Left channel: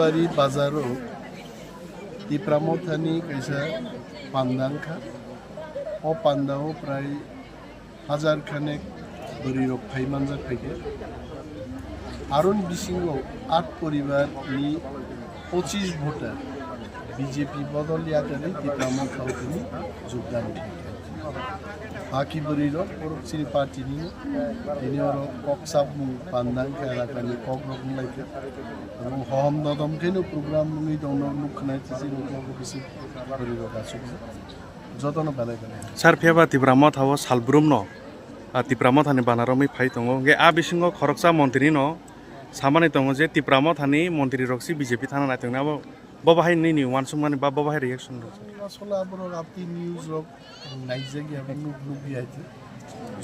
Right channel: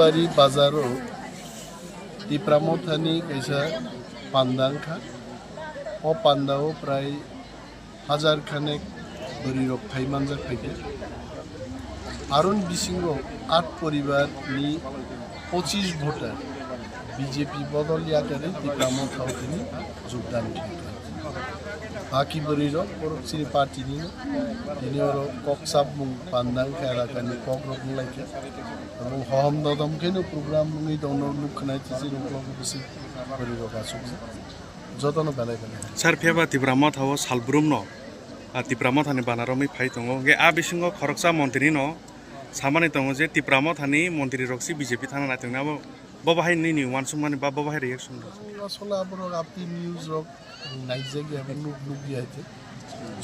बारी बाजारो तिप्रामथानी कैसा पांदांखा ओ पांदाओ प्राय 1000 खानेक बरी रक थाइमानजाक फैके आरुन बिसिंगो 8 परिवार नि 25 भोटार बीजेपी बदलिया करे तिप्रामथाव तिनी योगदान खाइके हाकी बरी रक परोक्षिनी पार्टी नि तिनी ओरो कक्साब मुं पांदांखा एलाकानि कक रक लाइके এবং হম দদম কেনো প্রোগ্রাম মুই দন নুখনাই তিসি রকম কিছু বরি রক আসুক যতন বেলাই বেলাই সার ফেবা তিপ্রামা থাও সালব্রুম ন তিপ্রামা থানি বানারমি ফাই দङ গে আ বিসিङ खरकसा मन्त्री न सामानि दङ जे तिप्रामা थानि मन्त्री रक्सि बीजेपी थाना नायतों ना बबाहाय नि वानसुम माने बबाहाय रिएक्शन আসলে আবর আপনি নিউজ রক নাইজে গে এবং নুগি আইতে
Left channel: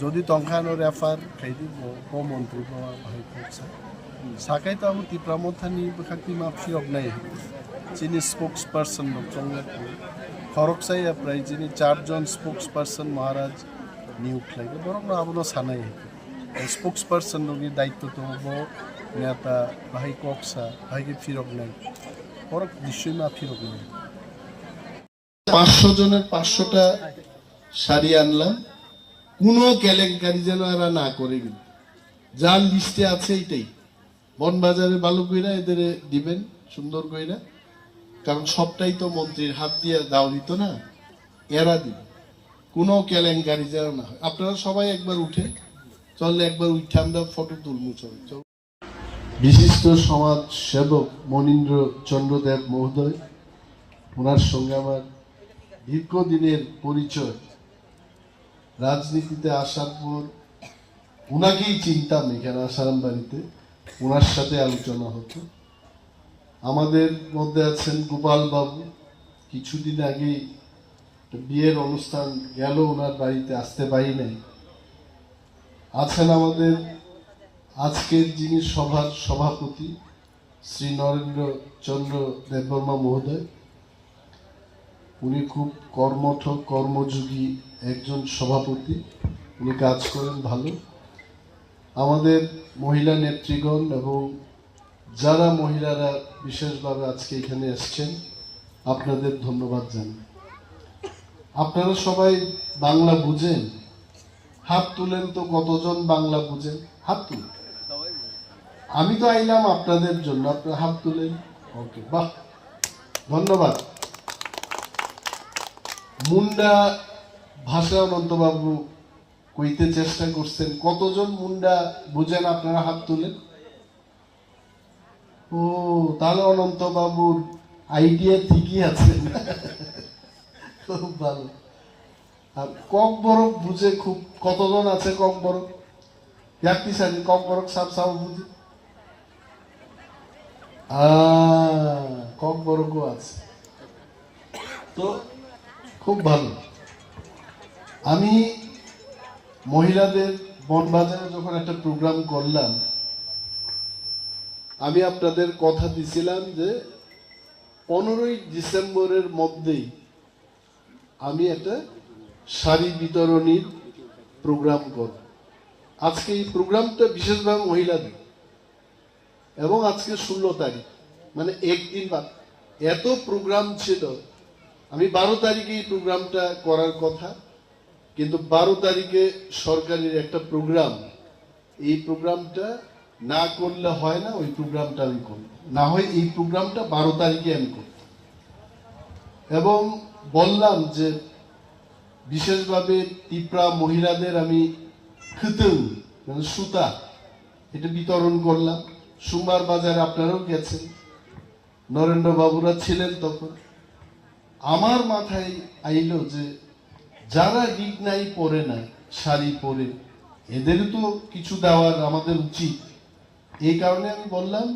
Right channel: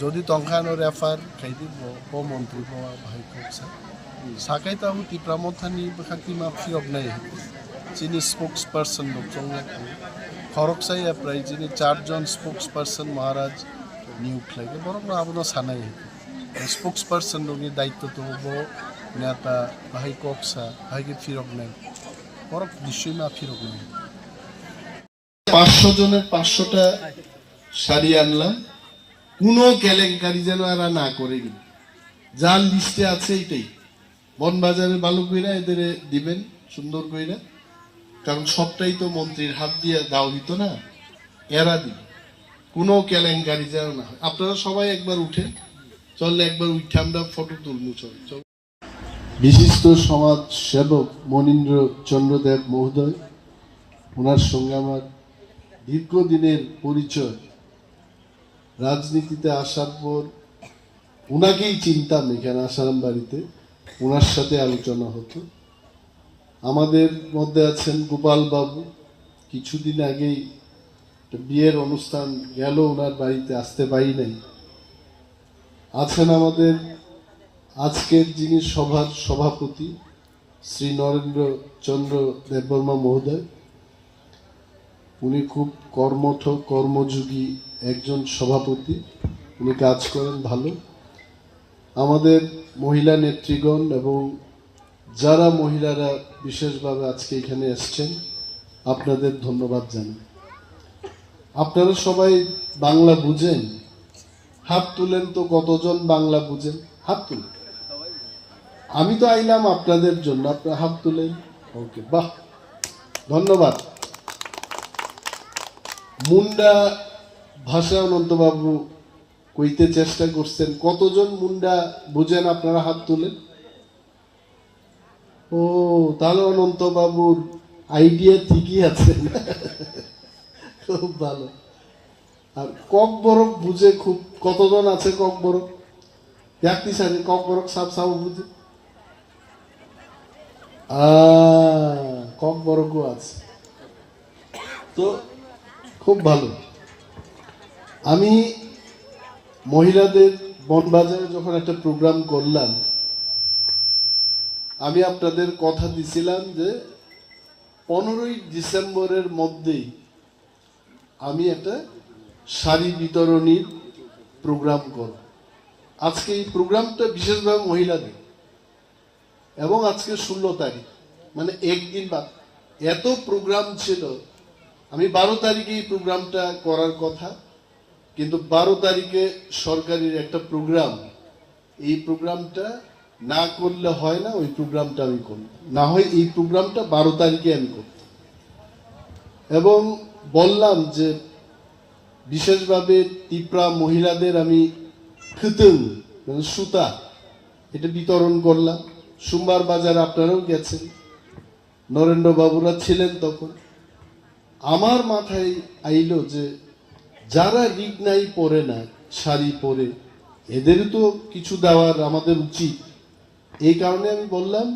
যদি তংখানো রেফার খাইদি ব মন্ত্রী ব ভাই কক্সা साkai tahu tipramothani bekhakti mafi obnai jini spokesperson dok chongla khoroksai aprai jini 4 jon spokesperson maharaj নিয়োগ লাগে বরং আবনো সানাই spokesperson দনি দায়িত্ব তো হবো নেতা ভাই কক্সা ভাইকে ফিরক নাই বরং নিশ্চয়ই না ফিরক নাই 500 জনের 500টা শাড়ি আনলাম কোনো কেলেঙ্কারি যেন এরা না করে যার লিস্টে আছে এটাই বনবাজারের বালু কইরা এদের দিবেন সুন্দর কইরা কারণ সবটাই তো মন্ত্রীর হাত দিয়ে দাও দিত না এরা দিবে কোনো কেলেঙ্কারি যেন না হয় আপনারা সবাই একবার উঠে চললে একবার উঠে আমরা ফটো তুলবো চল বিশিষ্ট সমাজ সেবক মনীন্দ্র চন্দ্রদেব মহোদয় ওনার সঙ্গে আমার দীর্ঘদিনের পরিচয় রাজনীতিতে আসার পর ওনাকেই চিনতাম এখানে আসারাম বাড়িতে ওনার সাথে আলোচনা হতো আমাদের মধ্যে আছেন গোপাল বাবু কিছুদিন আগেই বিয়ের অনুষ্ঠান গেল ওনার বাড়িতে আসতে পারি নাই আছেন আমাদের আজকের যিনি সভার সভাপতি শ্রী নরেন্দ্র চন্দ্র দেববর্মা মহোদয় উনি খুব কর্মঠ কর্মযোগী একজন সভাপতি উনি কাজ করেন ভালো আমাদের মহিলা নেত্রীগণ এবং যারা মহিলারা বিশেষভাবে আজকে এখানে এসেছেন আপনাদের ধন্যবাদ জানাই আপনারা সবাই বাংলা বুঝেন হাত তুলেন তো কতজন বাংলা বুঝেন হাত তুলেন আমি তো আইলাম আপনাদের জন্য আপনারা হাত তুলেন ওকে বাহ ধন্যবাদ মুন্ডা ভাষা অনন্তবাবু কইতে চেষ্টা করছেন কতজন মুন্ডা বুঝেন আপনারা হাত তুলেন ও তাহলে অনন্ত বাবুর আইডিয়া ঠিকই আছে খুব ভালো আর কক বরফ বুঝে খুব কতজন আছে কক বরফ দেখতে সারি কক বরফ সাপ সাপ বুঝে কক বরফও আছে তো খুব ভালো আমি মহিলাদের বনবাজারে যখন একটা প্রোগ্রাম করলাম আমি আপনাদের কথা দিছিলাম যে 15ই ডিসেম্বরের মধ্যেই আমি একটা শাড়ি বিতরণীর প্রোগ্রাম করব আজকে এই প্রোগ্রামটা বিশেষভাবে মহিলাদের এবং আজকে 16 তারিখ মানে একদিন বাদ এত প্রোগ্রাম ছিল আমি 12 তারিখে এই প্রোগ্রামটা করার কথা কিন্তু 12 তারিখে সরকারের একটা প্রোগ্রাম এই প্রোগ্রামটা না করলে হয় না ওই প্রোগ্রামটা আমি করব না হয় এই প্রোগ্রামটা 12 তারিখে আমি করব এবং বললাম যে বিশেষভাবে তিপ্রা মহিলাদের আমি খেতেও মানে সুতা এটা বিতরণ করলাম সোমবার বাজারে আপনারাও গেছেন নরেন্দ্র বাবুরা ছিলেন তখন আমার মাথায় আইলো যে যারা রিগনাই পরে না শাড়ি পরে এদের তো কিছু দেওয়ার আমাদের উচিত এই কারণে আমি বললাম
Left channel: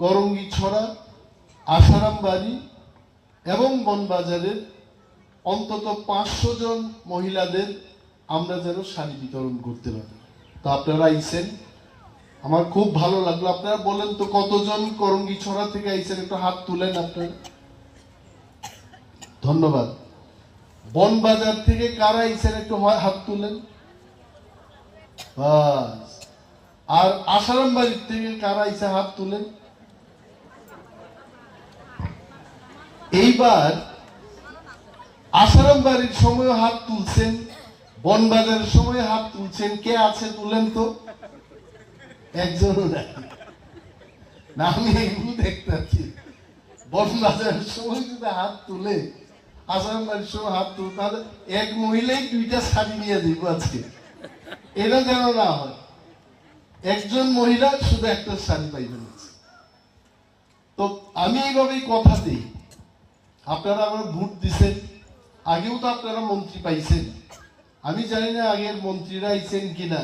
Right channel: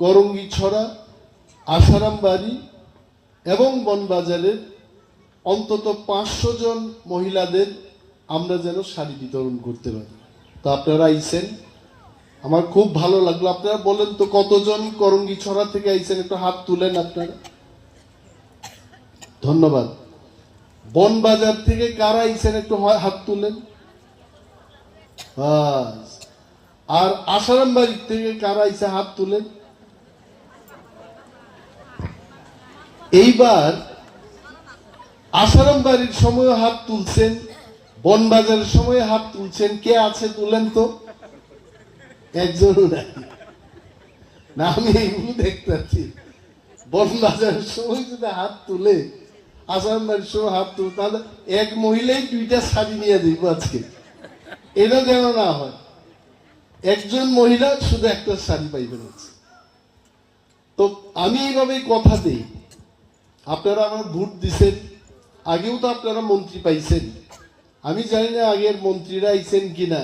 করঙ্গি ছড়া আসারাম বাড়ি এবং বনবাজারের অন্তত 500 জন মহিলাদের আমরা যেন শাড়ি বিতরণ করতে পারি তো আপনারা আইছেন আমার খুব ভালো লাগলো আপনারা বলেন তো কতজন করঙ্গি ছড়া থেকে আইছেন একটু হাত তুলেন আপনারা ধন্যবাদ বনবাজার থেকে কারা আইছেন একটু হাত তুলেন আর আসারাম বাড়ির থেকে কারা আইছে হাত তুলেন এইবার আসারাম বাড়ির সময় হাত তুলছেন, বনবাজারের সময় হাত তুলছেন, কে আছে তুলেন তো? একজনও নাই। না, আমি এইগুলো দেখতে পাচ্ছি। বনবাজারের সময় যদি হাত তুলে, আসারাম বাড়ির সময় হাত তুলে, তাহলে এক মহিলাই 2টা শাড়ি নিয়ে দিব আজকে। এটা যেন না হয়, একজন মহিলা শুধু একটা শাড়ি পাইবেন। তো আমি এইভাবে কথা দিই, আপনারা আমার ভোট দিচ্ছেন, আগেও তো আপনারা মন্ত্রী পাইছেন। আমি জানি না আগের মন্ত্রীরা আইছেন কিনা,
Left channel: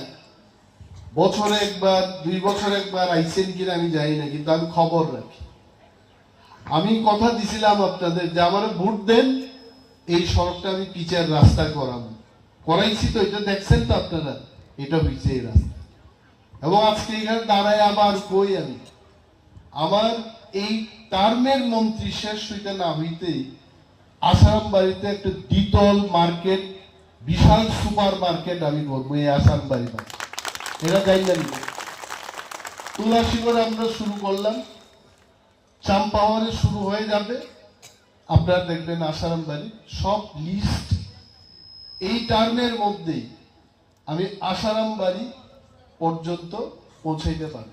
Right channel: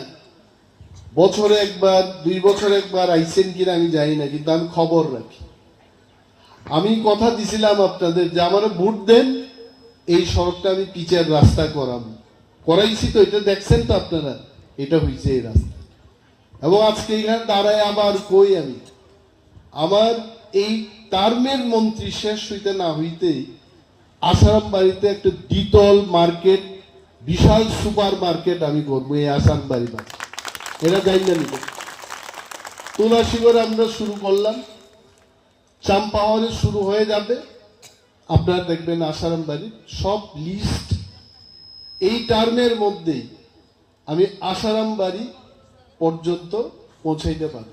বছরে একবার 2 বছর একবার আইছেন কিনা আমি জানি না, কিন্তু আমি খবর রাখি। আমি কথা দিছিলাম আপনাদের যে আমার ভোট দেন, এই সড়কটা আমি পিচের রাস্তা করাইছি। তো এটা দেখছেন তো আপনারা, এটা হয়েছে এই রাস্তা। এবং আজকে এখানে দাঁড়ায় আবার কই আমি, আমার এই টার্মের মন্ত্রী শেষ হইতে না হইতেই আসারাম বাড়িতে একটা দ্বিতল মার্কেট, বিশাল সুপার মার্কেট আমি করবো এই আসারাম বাড়ি। এরা যাই জানি। তুলাসীগড়ে আমরা শুরু করলাম, চাম্পাহারে শুরু হয়ে যাবে। আপনারা দেখবেন আসারাম বাড়ি সব লিস্ট এই টার্মের মধ্যেই আমি আসারাম বাড়ি পর্যন্ত পৌঁছাইতে পারি।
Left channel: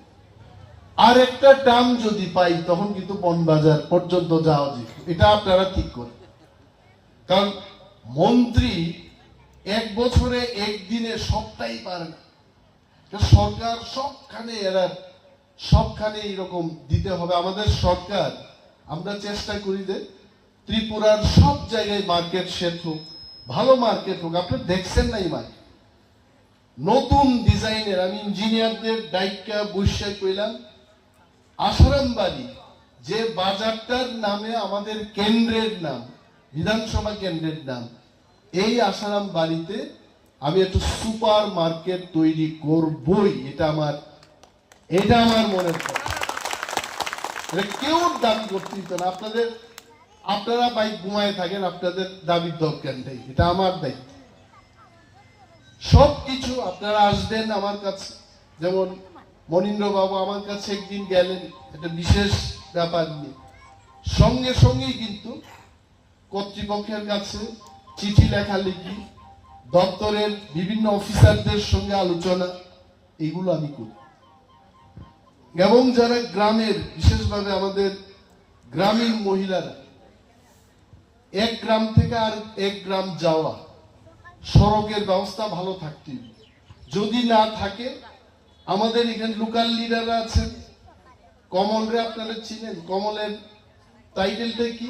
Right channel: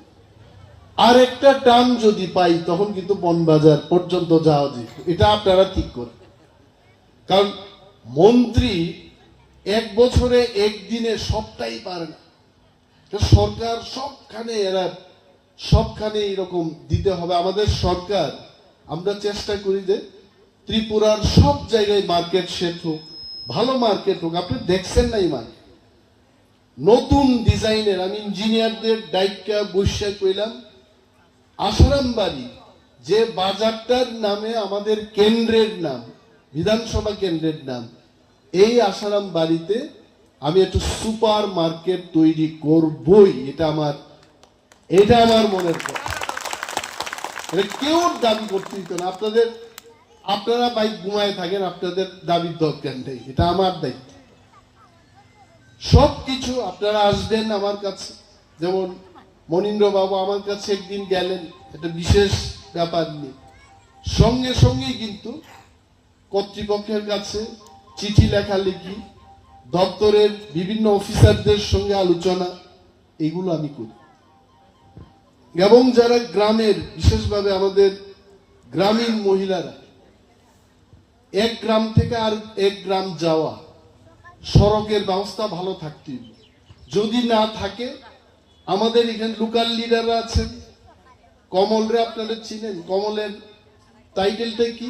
আর একটা টার্ম যদি পাই তখন কিন্তু বনবাজার পর্যন্ত যাওয়া যায়। এটা আপনারা ঠিক করেন, কারণ মন্ত্রী 1 বছরে 1 দিনে সবটাই পারে না। সরকার সবখানে এরকম দিতে হবে। আমাদের সরকার, আমরা চেষ্টা করি যে ত্রিপুরার সব জায়গায় মার্কেট সেট হোক, ভালো মার্কেট হোক। আপনি দেখছেন না এই মার্কেট নতুন ডিজাইনের, আমি ইঞ্জিনিয়ারদের দায়িত্ব বসে কইলাম, আসারাম বাড়ি যে বাজারটার নামে আমাদের কেন্দ্রের নাম, বিধানসভা কেন্দ্রের নাম, এই আসারাম বাড়িতে আমি একটু সুপার মার্কেট তৈরি করবই। এটা আমার মনের কথা। কেউ দাবি করতে দিত না। আপনারা বাইক ঘুমায় থাকেন, আপনাদের দাবির দরকার নেই, এটা আমার দায়িত্ব। সবকিছু আপনারা আসবেন আমার কাছে। যেমন মনীন্দ্র বাবু আমার কাছে একদিন গেলেন একটা বিশেষ ব্যাপার নিয়ে, সঙ্গে সঙ্গেই কিন্তু কর্তৃপক্ষের কাছে চিঠি লেখালেখি, দপ্তরের বিভিন্ন অফিসারদের সঙ্গে আলোচনা, এগুলো আমি করি। এবং যারা গ্রামের, বিশেষভাবে আমাদের গ্রামীণ মহিলারা, এক গ্রাম থেকে আর এক গ্রাম যাওয়া, সড়কের ব্যবস্থা ভালো থাকতে হবে। যদি না থাকে, আমাদের এখানে লোকাল লিডাররা আছেন, কমলরে আপনারা চিনেন, কমলের টাইটেলটা কি?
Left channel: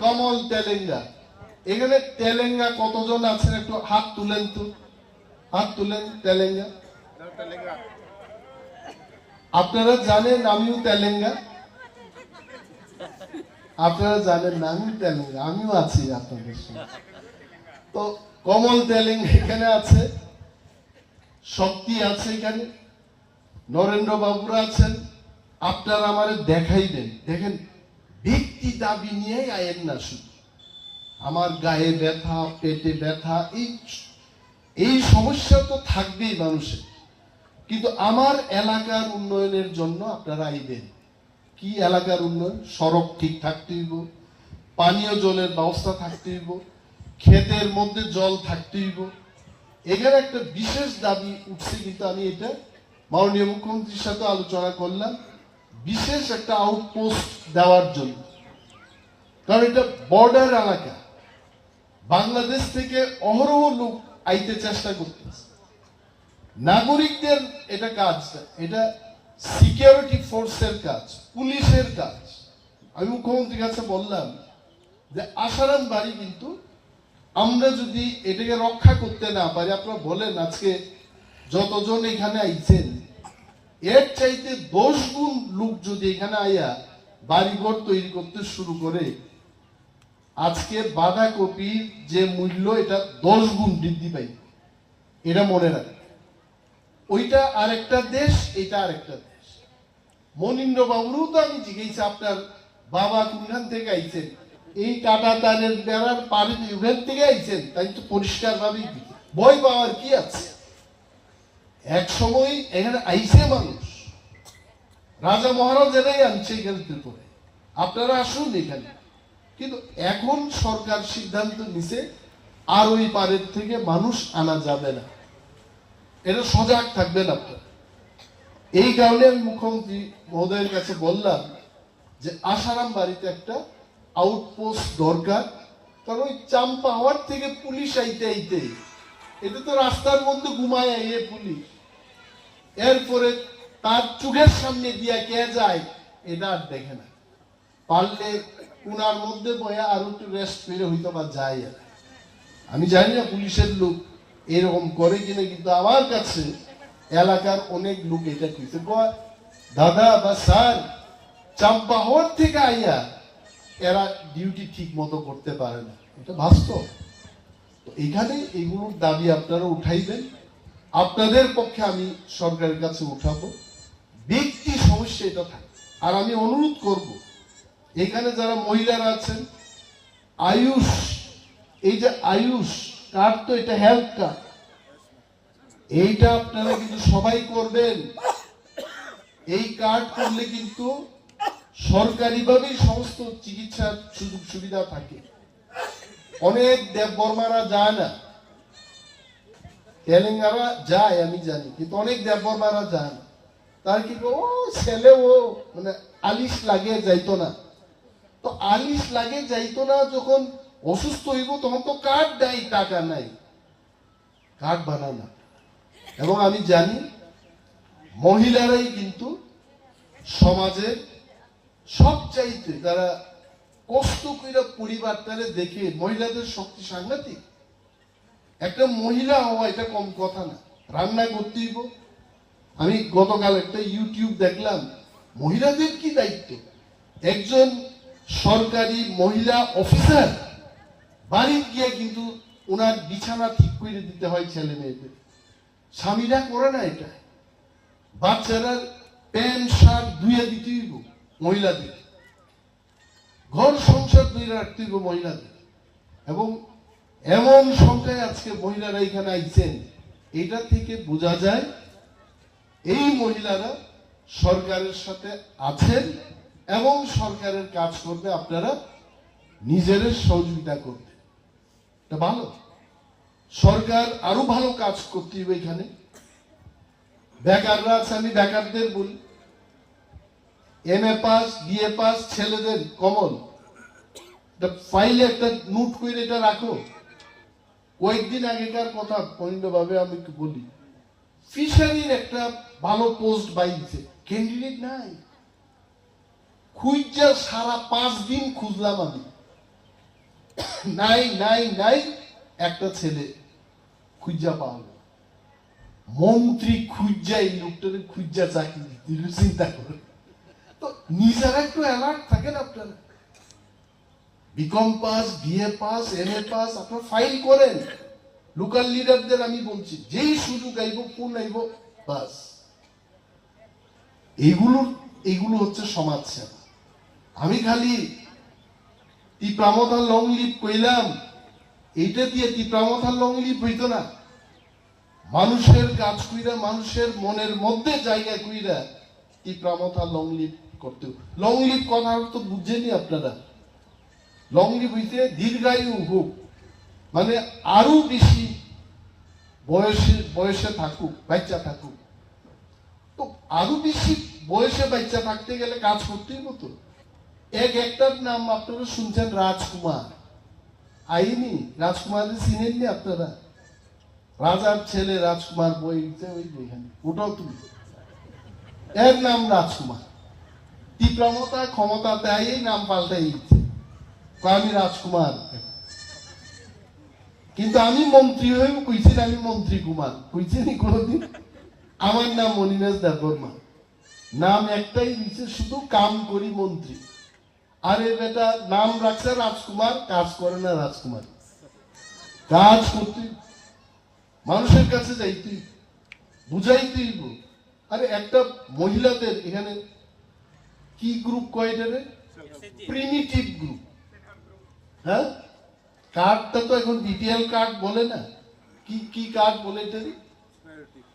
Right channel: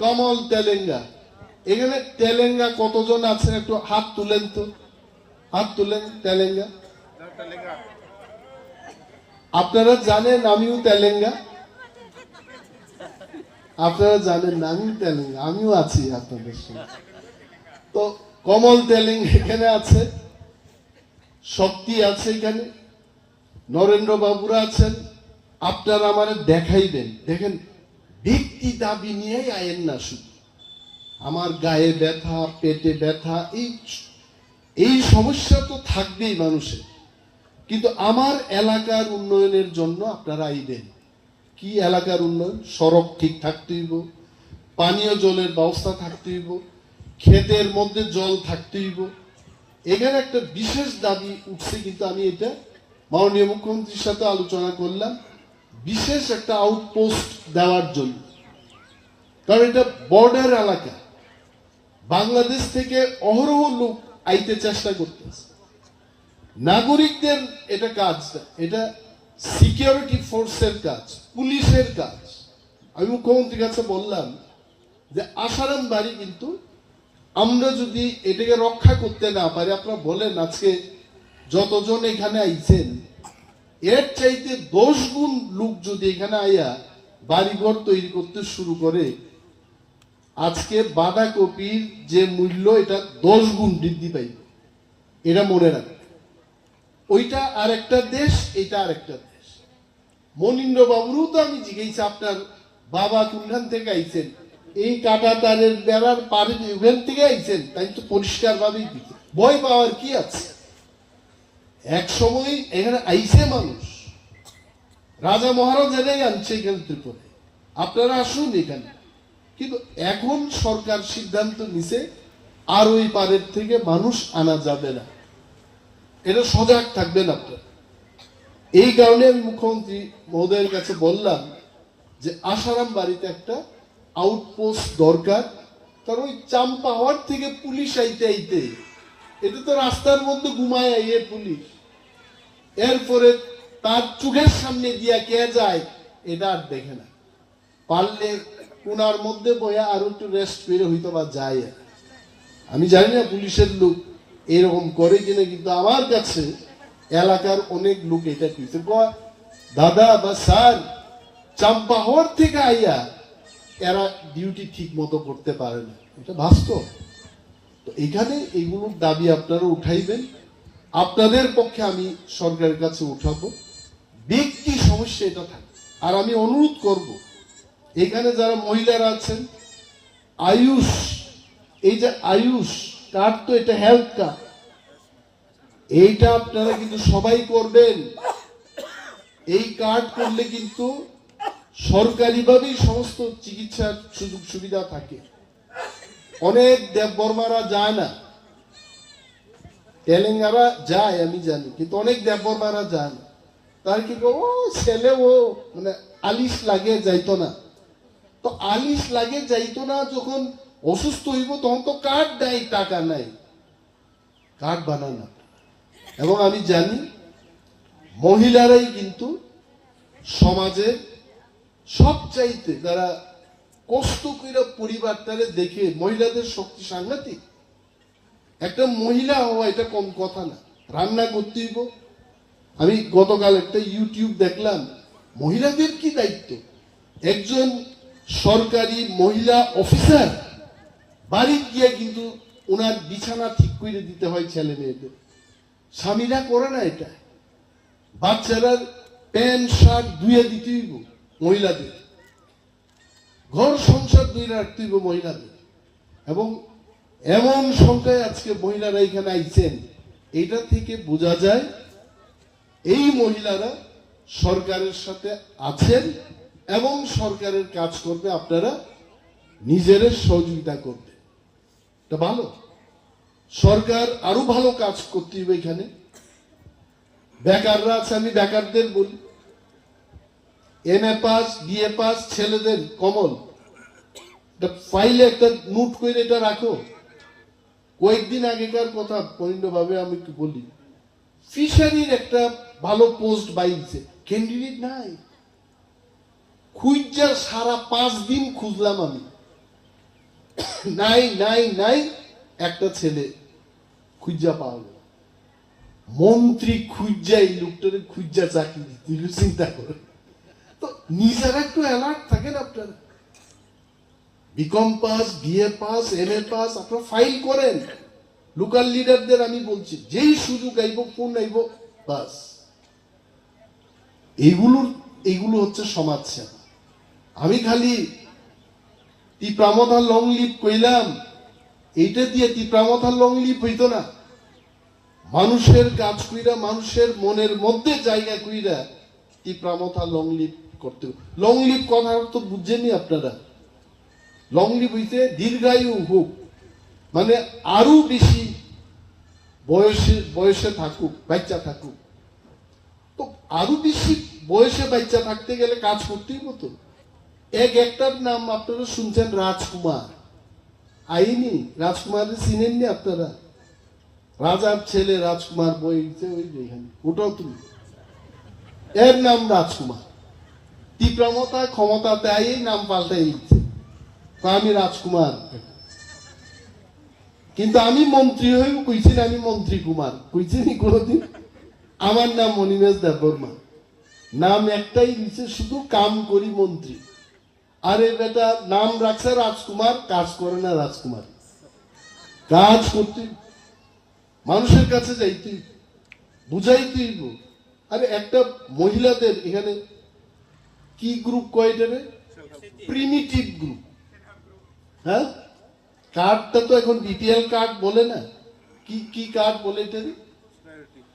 কমল তেলেঙ্গা। এখানে তেলেঙ্গা কতজন আছেন একটু হাত তুলেন তো, হাত তুলেন। তেলেঙ্গা আপনারা জানেন আমিও তেলেঙ্গা, আপনারা জানেন না আমিও তেলেঙ্গা, আমিও আছি আপনাদের সঙ্গে। তো কমল তেলেঙ্গা এখানে আছে, শক্তি আছে এখানে, নরেন্দ্র বাবুরা আছেন। আপনারা আমারে দেখাইবেন, দেখেন ব্যক্তি দাবি নিয়ে আয়েন না, শুধু আমার গায়ে ব্যথা, পেটে ব্যথা, এই সমস্যা তো থাকবেই মানুষের, কিন্তু আমার এলাকার উন্নয়নের জন্য আপনারা আইবেন। কি এলাকার উন্নয়ন? সড়ক ঠিক থাকতে হইব, পানীয় জলের ব্যবস্থা থাকতে হইব, ক্ষেতের মধ্যে জল থাকতে হইব। এখানে একটা বিশেষ দাবি উঠছে, কিন্তু আমি এটা মাননীয় মুখ্যমন্ত্রীর সাথে আলোচনা করলাম, বিশেষ একটা আউটপোস্ট দেওয়ার জন্য। কারণ এটা বর্ডার এলাকা, বাংলাদেশ থেকে অহরহ লোক আইতে চেষ্টা করতেছে। নাগরিকদের এটা কাজ, এটা সিকিউরিটি ফোর্সের কাজ, পুলিশের কাজ। আমি মুখ্যমন্ত্রীর কাছে বললাম যে আসারাম বাড়ি কিন্তু আমরা যদি এটাকে রক্ষা করতে না পারি, আপনারা বলেন আজকে যতজন এখানে আইছেন, এর চাইতে 10 গুণ লোক যদি এখানে আইয়া বাড়িঘর তৈরি করতে শুরু করে, আজকে বাঁধাকপির যে মূল্য এটা 10 গুণ বৃদ্ধি পাইবে। এটা মনে রাখ, ওইটা আরেকটা দেশ, এটা আরেকটা দেশ। মনীন্দ্র বাবুরও তো আমি জিজ্ঞেস, আপনার বাবা কোনখান থেকে আইছেন? এই কাটা তারের বেড়ার পাড়ে ইভেন্ট থেকে আইছেন, তাই তো পরিষ্কার ভাবেই ভয় পাওয়ার কি আছে? এক সময় এখানে আইছে মানুষ, রাজা মহারাজারাই আনছে এখান থেকে। আপনারা আসুন এখানে। কিন্তু এখন সরকার সিদ্ধান্ত নিছে আর ওই পারের থেকে মানুষ আনা যাবে না, এটা সজাগ থাকবেন আপনারা। এই কারণে আমি মুখ্যমন্ত্রী মহোদয়ের কাছে বললাম যে আশারাম বাড়িতে একটা আউটপোস্ট দরকার, কারণ ওই চাম্পাওয়ার থেকে পুলিশ আইতে আইতে এটা তো রাস্তার মধ্যে ঘুমায় আইয়ে পুলিশ, এরপরে তার চোখের সামনে দিয়া কে যায় এটা আর দেখে না। পারলে কোনার মধ্যে বয়া আর একটু রেস্ট করে হইতো বা যায়। আর আমি জানি না পুলিশের লোক এরকম করে কিনা, কিন্তু আমার কাছে এলাকার অনেক লোক এটা কইছে, দাদা বা স্যার চাম্পা হওয়ার থেকে আইয়া এরা ডিউটি ঠিক মতো করতে পারে না, এটা বাস্তব। তো এখানে এগুলোর দাবি আপনারা উঠাইবেন, আপনাদের পক্ষে আমি সরকারের কাছে উঠাবো। ব্যক্তি সমস্যা এটা থাকে। আর আমি অনুরোধ করব এখানে যারা মহিলারা আছেন, আয়ুষ, এই যে আয়ুষ কার্ড, তো এটা হেলথ কার্ড, এইটা আপনারা কিন্তু সবাই করবেন। এই কার্ড করলে কিন্তু সরকারিভাবেই সমস্ত চিকিৎসার সুযোগ সুবিধা থাকে। অনেক দেববর্মারা যায় না, তেলেঙ্গানা যায় আমি জানি, কিন্তু অনেক দেববর্মারা যায় না। তার কি ও ছেলে ও মানে আলিশ লাগিয়ে যাইতো না, তো আলিশ লাগিয়ে যাইতো না, যখন অসুস্থ হইব তখন তো কার্ড নাই, টাকা নাই, কার্ড বানানো। এবং আমি জানি মহিলারাই কিন্তু সমাজে সবচাইতে, তারা কষ্ট করে পরিবারটারে দেখে, মহিলাদের শক্তি সাংঘাতিক। একটা মহিলা হওয়া এটা কম কথা না, রান্না করতে হইব। আমি গতকাল একটা ইউটিউব দেখলাম, মহিলাদের কি দায়িত্ব। একজন সরকারি মহিলা অফিসার বাড়ি গিয়ে কিন্তু ওনার বিছানা ঠিক করে দিতে হয় ছেলে মেয়েদের, স্বামীরা করে না এটা। বাচ্চারা প্যান্ট শার্ট ধুয়ে দিতে হইব মহিলাদের, ঘর সংসার ধুয়ে রাখতে হইব মহিলাদের। এবং এমন সংখ্যায় আজকে মহিলারা এখানে আইছেন, এটা থেকে বোঝা যায় এই মহিলারা সরকারের সাথে আছেন এবং সরকারের কাজ করবে, আপনারা নিজেদের সহযোগিতা করবে, এটা ভালো। সরকার আরো ভালো কাজ করতে হবে এখানে। বেকাররা আছে, আমি বেকারদের বলি, MA পাস BA পাস ছেলেদের কমন ফাইলে একটা নোট করে এটা রাখো। কয়েকদিন আগেকার কথা পরিণভাবে আমি একটু বলি, ফিশারির একটা ভালো পোস্ট বাইছে, ক্যান্ডিডেট নাই, খুঁজা সারা 5 দিন খুঁজলাম আমি, নাই নাই নাই, একটা ছেলে খুঁজা পাওয়া গেল। মন্ত্রী খুঁজা এই লোকটারে খুঁজা চাকরি দিতে, চিন্তা করে। তো নিজেরা একটু অ্যালার্ট থাকেন আপনারা। BCom pass BA pass MA pass আপনারা ফাইল করেন। লোকাল লিডারদের আমি বলছি, যেই সুযোগ আইব ফোন আইব বাস। এগুলো হচ্ছে সমাজ সেবা। আমি খালি টিপ্রামথা লং লিভ কইলাম, এইটা দিয়ে টিপ্রামথা লং লিভ হইতো না। মানুষের কাজ কইরা, মানুষের মনের মধ্যে জায়গা কইরা টিপ্রামথা লং লিভ করতে। লং লিভ কথার তো বুঝছেনই আপনারা। লং লিভ হইতে দীর্ঘায়ু হোক, মানে আরো বেশি বয়সে থাকুক, বাচ্চা থাকুক। তো আরো বেশি বয়সে বাচ্চা থাকতে গেলে কাজ করতেই মতো। একটার নাম আপনারা শুনছেন, রাজকুমার। আইনি রাজকুমারের চিনেননি আপনারা? রাজার ছেলে রাজকুমার বই, ওই যেখানে ওটাও তুমি, এর নাম রাজকুমার। তীব্রমতা ক্ষমতাতে আই নাম পাল্টাই দিচ্ছে, আমি রাজকুমার। কিন্তু আমি মন্ত্রী হইব কইছি, আমি মন্ত্রী কুমার কইছি নি কোনদিন? আমার নাম মনিবেশ দেববর্মা, নাম একটাই দিচ্ছে, শুধু কাম করি মন্ত্রী। আরে বেটা, নাম রাখছে রাজকুমার, কাজ করে না রাজকুমার। কাজ করতে মানুষের কাছে যাইতে বুঝাইতে। আরে একটা মহিলাদের এখানে কি গ্রুপ কয়টারে? Primitive group. হ্যাঁ, কার্ডটা তো এখন BPL কার্ড বলে না, কি কার্ড বলে এটা?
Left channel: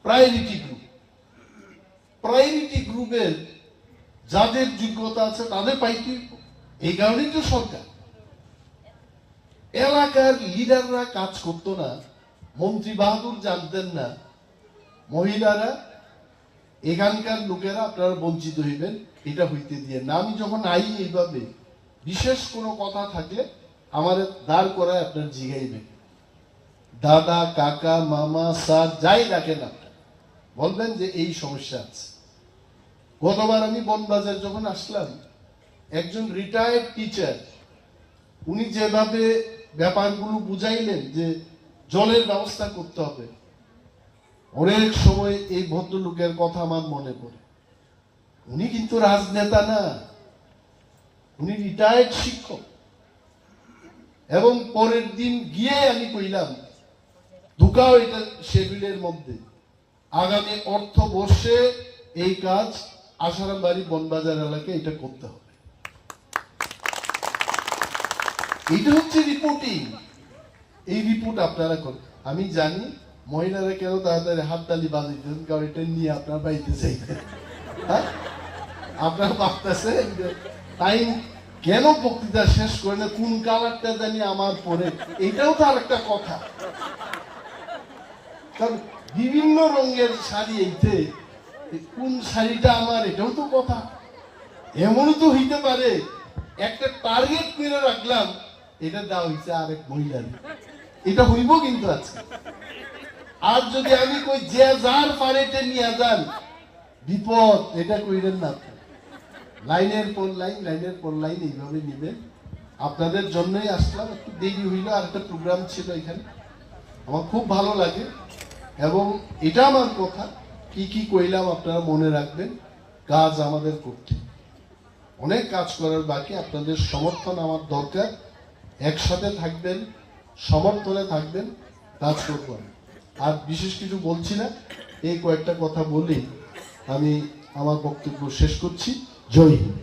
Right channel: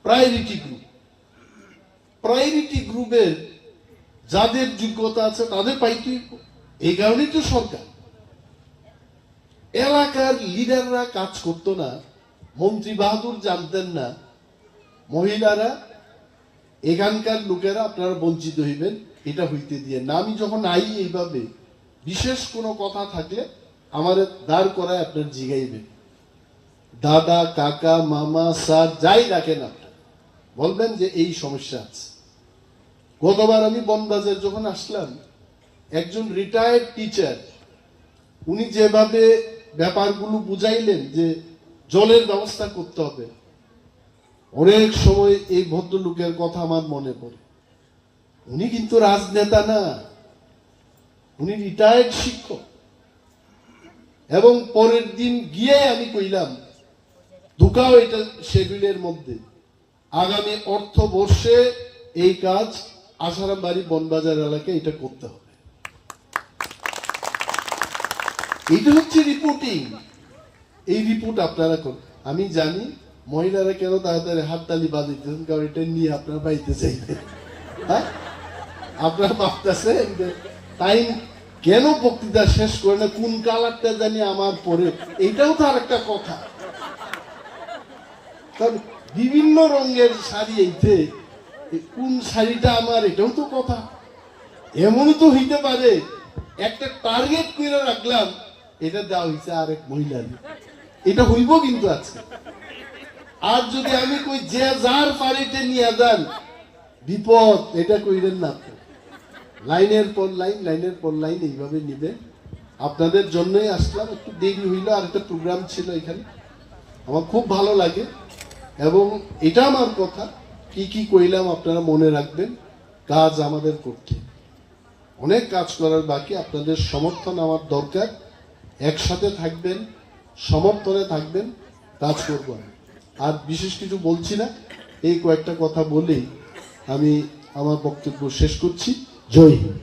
Priority group. প্রায়োরিটি গ্রুপের যাদের যোগ্যতা আছে তাদের পাইতে, এই কারণেই তো সরকার। এলাকার লিডাররা কাজ করতো না, মন্ত্রী বাহাদুর জানতেন না মহিলারা, এখানকার লোকেরা আপনারা বঞ্চিত হইবেন, এটা হইতে দিয়ে না। আমি যখন আই এইভাবে বিশেষ কোনো কথা থাকলে আমার দাঁড় করায় আপনার জিগাইবেন, দাদা, কাকা, মামা, স্যার যাই রাখেন আপনার, বলবেন যে এই সমস্যা আছে। গতবার আমি বনবাজার যখন আসলাম, একজন রিটায়ার্ড টিচার, উনি যেভাবে ব্যাপারগুলো বুঝাইলেন যে জলের ব্যবস্থা করতে হবে, অনেক সময় এই ভদ্রলোকের কথা আমার মনে পড়ে। উনি কিন্তু রাজনেতা না, উনি রিটায়ার্ড শিক্ষক। এবং পরের দিন গিয়ে আমি কইলাম, ঢুকাও এটা শেডিউলের মধ্যে, আগামী অর্থবর্ষে এই কাজ আসারাম বাড়ি বনবাজার এলাকায় এটা করতে হবে। এটা হচ্ছে রিপোর্টিং। এই রিপোর্ট আপনারা করেন। আমি জানি মহিলারা কেন তাড়াতাড়ি হাততালি বাজাইতেছেন, কারণ এটা নিয়ে আপনারা পাইতে চাইতে, হ্যাঁ আপনারা ভাবতেছেন যে টাইম কেন বক্তৃতা শেষ করে না, কোন কালারটা জানি আমার পরে, এটাও তো আর একটা কথা। কারণ বিভিন্ন রঙের শাড়ি, এইতে কোন শাড়িটা আমার, এটাও তো কথা। এমনও তো হইতে পারে একটা টার্গেট করে রাখলাম, এটা দেওয়া হয়েছে আরেক মহিলার, এটা হইব কিন্তু আজকে। আর যদি আমি কই যে যার পারেতে নিয়ে যান, বিপদ, এটা কইলেন না। লাইনের পর লাইন, লাইনের পর লাইন এইভাবে নিবেন। আপনাদের জন্যই আসলাম, একটু দেরি হইল, আর একটা প্রোগ্রাম ছিল এখানে, আমার খুব ভালো লাগে। এবং এটা আমার কথা, কি কি কইলাম আপনারা মনে রাখবেন। কাজ আমাদের করতে, অনেক কাজ করার বাকি, আপনাদের সমর্থন আমার দরকার। একসাথে থাকবেন, সমর্থনে থাকবেন, কাজ করবো। আর বিশেষ কিছু বলছি না, এই কয়েকটা কথা বলেই আমি আমার বক্তব্য শেষ করছি। জয় Hind.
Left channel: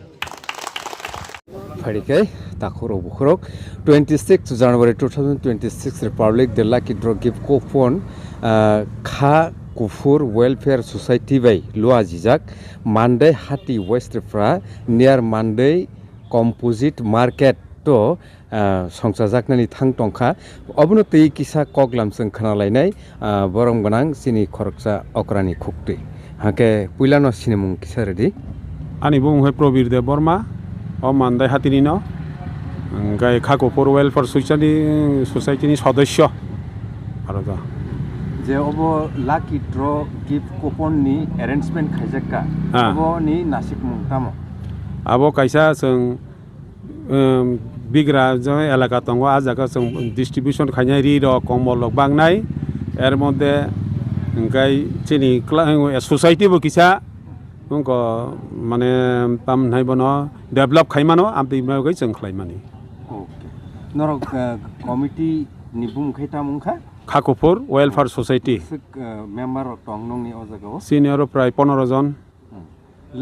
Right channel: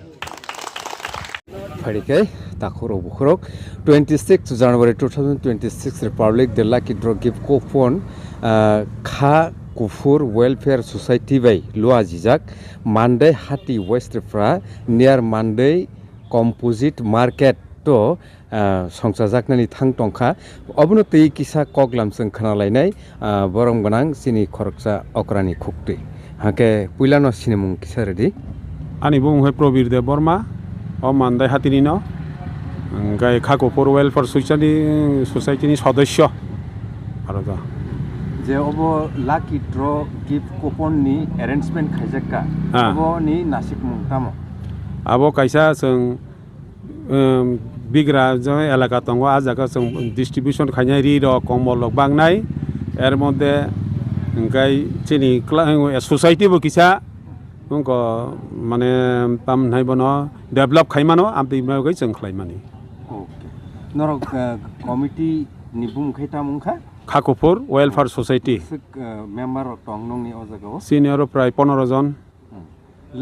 Farikai, Takoro Bukhorok, 26 January 2026 Republic, the Lucky Draw Gift Coupon, Kha Kufur Welfare Society by Lua Jijak, Monday Hati West Fra, near Monday Composite Market to Songsajaknani Thang Tongkha, Obnoti Kisa Koglam Sang Kanalainai, Borong Banang, Sini Koroksa Okrani Kukti. Hake Pulano Cinemung Kisaredi. Ani bung he Probir de Borma, o Monday Hatinino, Gai Kako for Welfare Society ni সদস্য আর তো যে of lucky draw gift coupon নি arrangement খাইজাকা of নি নাসিক মুংতামো আবো কাইসা जों বিগ্রা যে এলাকা দङ আজাকা जों ডিস্ট্রিবিউশন খাইনাই রি র কমল বাংনাই এর মধ্যে গাই চিনি সোসাইটিবো কিসা उनको माने पाम नाइ बनो डेभलप खाइमानो आमति मागै जों खाइमानि ओके नरक कमिटी नि बुंखाइता मुंखा खाकुपुर वेलफेयर सोसाइटी मेम्बर टंग नंनि अजागाव सिनियर प्राय 15 जन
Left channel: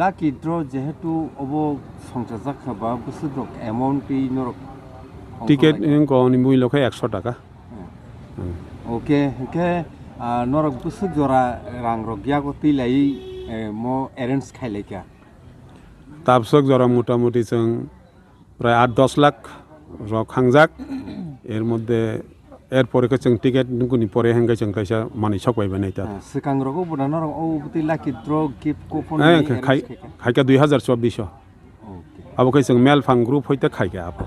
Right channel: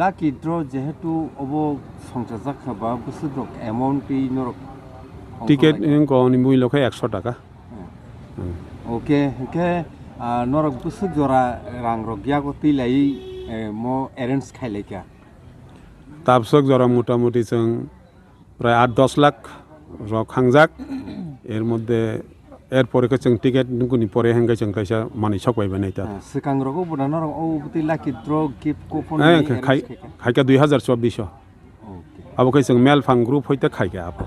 लाकी ड्र जेहेतु अबो संसाजाक खाबा बुसुद्रक अमाउंट पि नरक टिकेट इनको नि मुइलखै 100 टाका ओके के नरक बुसुद जरा रां रगियागो तिलाई मो एरेन्ज खाइलायका ताबसक जरा मोटामुटी जों प्राय 8-10 लाख रक हांजाक एर मध्य एर परेखौ जों टिकेट गुनि परे हेंगाय जों कायसा मानि सकबायबा नै ता सिकां रगो बुदान रग औ बुति लाकी ड्र गिफ्ट कुपन खाइका 2024 ओके अब कै जों मेल फां ग्रुप होइते खाइका आप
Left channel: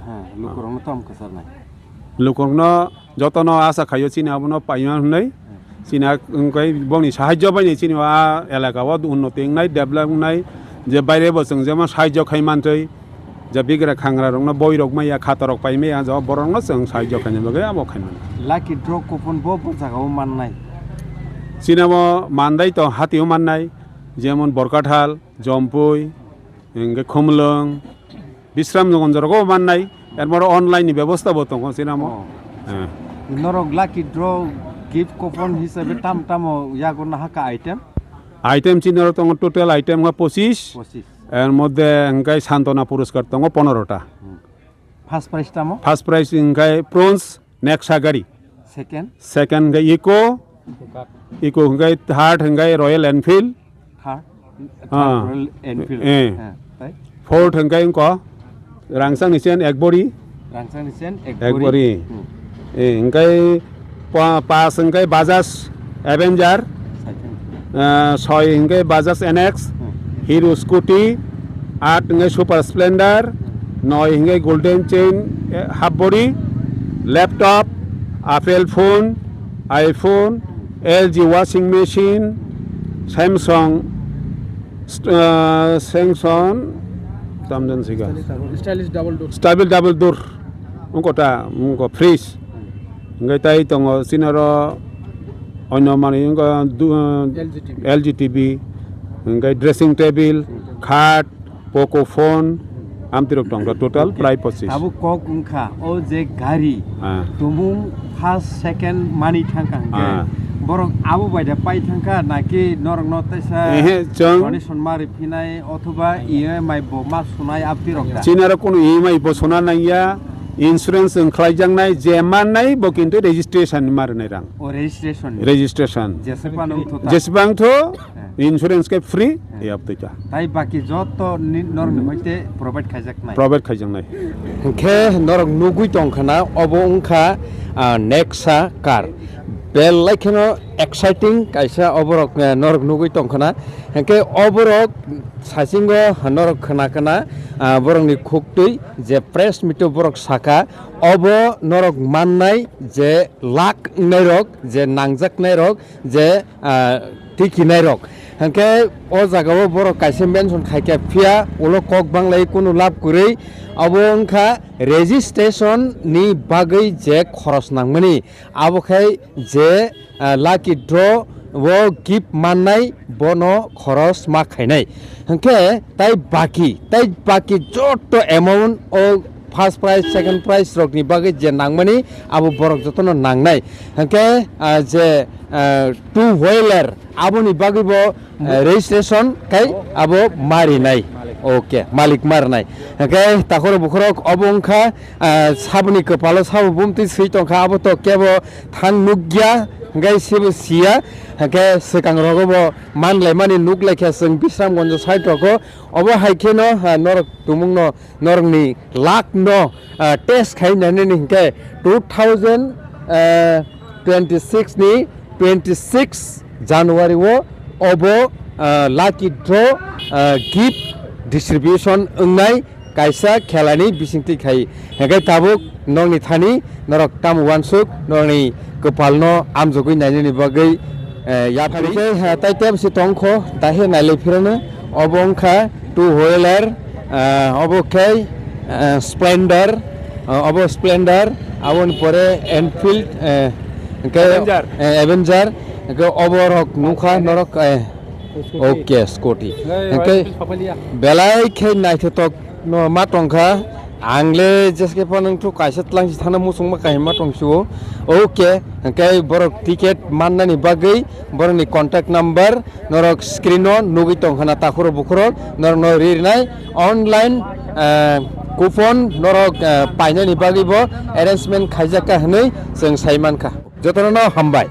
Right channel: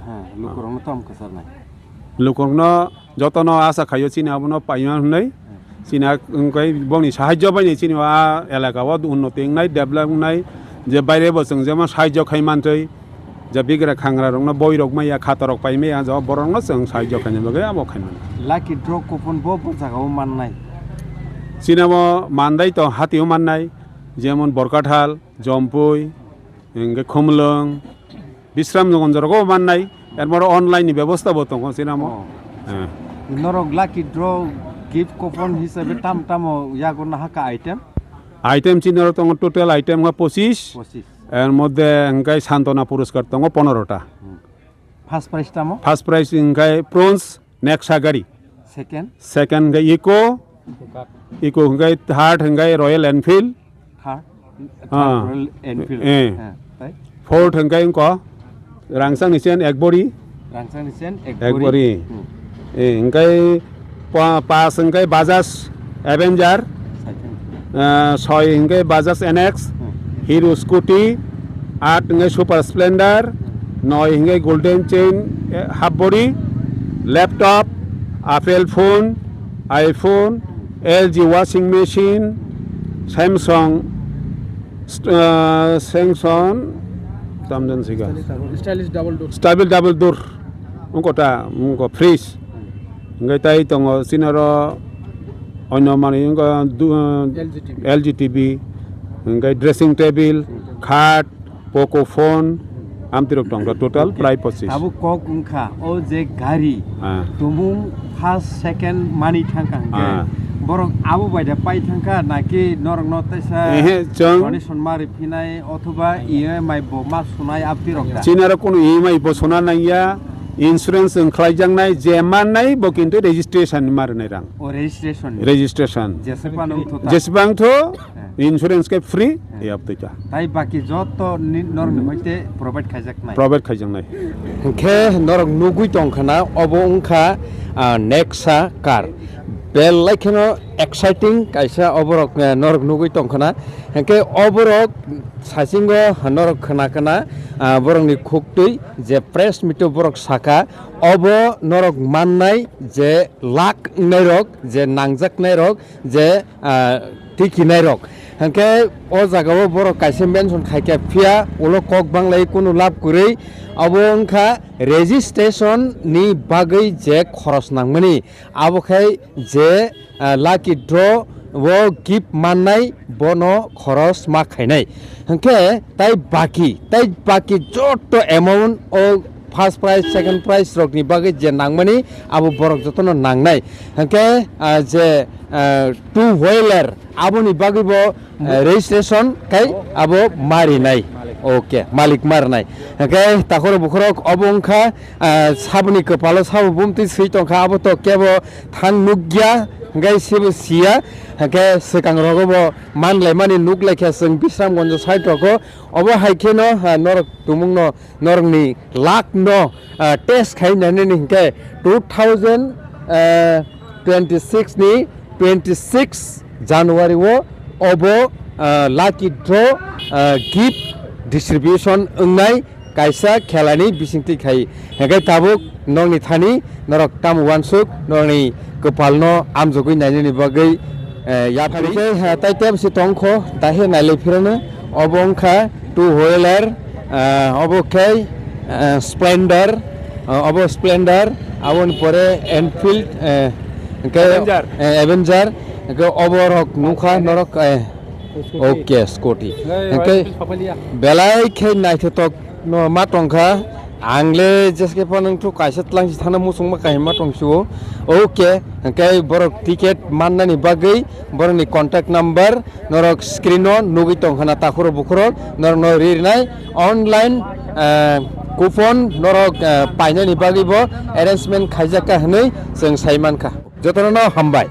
लुकरनो तम खसार नाय लुकरनो जतन आशा खायो चिना अबनो पाइमा हुनै চিনা বংনি সাহায্য পাইনি চিনিবা এলাকাও উন্নতি নাই ডেভেলপ নাই যে বাইরে বসং যেমন সাহায্য খাইমানতৈ যে বিগ্রা খাংরা রং বইরক মাইয়া খাতরক পাইমে আজ বরং जों সাহায্য খাইনে লগে আবো খাইমান লাকি ড্র কুপন বো জায়গাও মাননাই চিনাবো মানদাই তো হাতিও মাননাই যেমন বরকাঠাল জম্পুই এঙ্গে খমলং বিশ্রাম জগঞ্জরকও মাননাই এরপর অনলাইন ব্যবস্থা বতং চিনামো নরক লাকি ড্র गिफ्ट कुपन हिसाबै ताम तामो यागो नाहाका आइटेम चिनर दङ टोटल आइटेम 25 এর মধ্যে এঙ্গাই সান্তনা পুরস্কার দङ 15টা ফার্স্ট প্রাইজ তামো ফার্স্ট প্রাইজ এঙ্গাই ব্রোঞ্জ নেক্সা গাড়ি সেকেন্ড গাই ইকো এঙ্গাই থার্ড এঙ্গাই Royal Enfield Royal Enfield Ford hengkai engko rangsang nisen ekbori Rangsanisen ekbori engkai pas engkai Bajaj Avenger soi engkai Bajaj NX Hero Scooty 8 engkai Super Splendor 9 engkai Golden Chain half body laptop Apple phone iPhone LG washing machine Samsung tamdan siga stable double door ungko ta ungko fridge ngai tai tongo sinaro onyo mani ungko LG TV ngai dressing table khat Poco phone amtirok tong total price 25 Abu kok ungkha o je gari tumung first second money thangka borok abu baida pai thangka naki norong notaisa donation mari phinai othoba EMI bo ma sunai aptirok da sinaro kono EMI bo sona naiya insurance khlaijangnai jemanai bo kintu registration marnai rang o registration jesbang tho insurance ke free e apteja tai baki joto norong hoite provide khaijangnai ke norong nugui tongkhana obo ungkha Nexa car bel laikeno exciting kaisa oborok norok nugui tongkhana hengke oborok sasingo norok khana borokni khuktui je press mito borok saka obo norok mannai je lak nairok je nangjak nairok je tiki nairok hengke o jagao borok kaisa mention khaike phia ulo kok banglai kunu lab kurei abo ungkha registration ni bagui je khoros nangmani abo khai je lucky draw wo gift mannai bono khoros ma khainai hengke tai baki joto amount o first prize second prize rokni bagui je nangmani abo borok jotono nangnai hengke je two wheeler aboni bagui bo registration kai abo mari nai okay malik marnai hengke takoro bukhorok obongkha sabuni kepalo sabu bumti seitongkha abo to kebo thang nugya ngai sibu sia hengke sekang rogobo manlai mani nuglekha sing bisram gonjo saitoko obo haikeno norok tumungno norokni lak no test khainani hengke 2026 ni 26 January wo obo lucky draw gift distribution ungnai kaisa khelani bisingti khai hengke tabuk nongni thani norok tam wansuk nongni kepalno amjogui nainani bagui yapari tai tem si tongkho tahe naile phirano obongkha two wheeler obo khai Splendor obo Splendor abon pore Enfield Avenger oborok nukha norok okay Scotty belai khai naithotok no matongkha angle jeske panang thu kaisa tlang thana musung ma kai matongsu okay kai borok ticket mannani bagui boroni contact number norok screen on nugi tongkhana takhoro bukhoro norok no rirnai online coupon norok painani bagui bo arrangement khaijaka hnoi jeng saimankha jotono hambai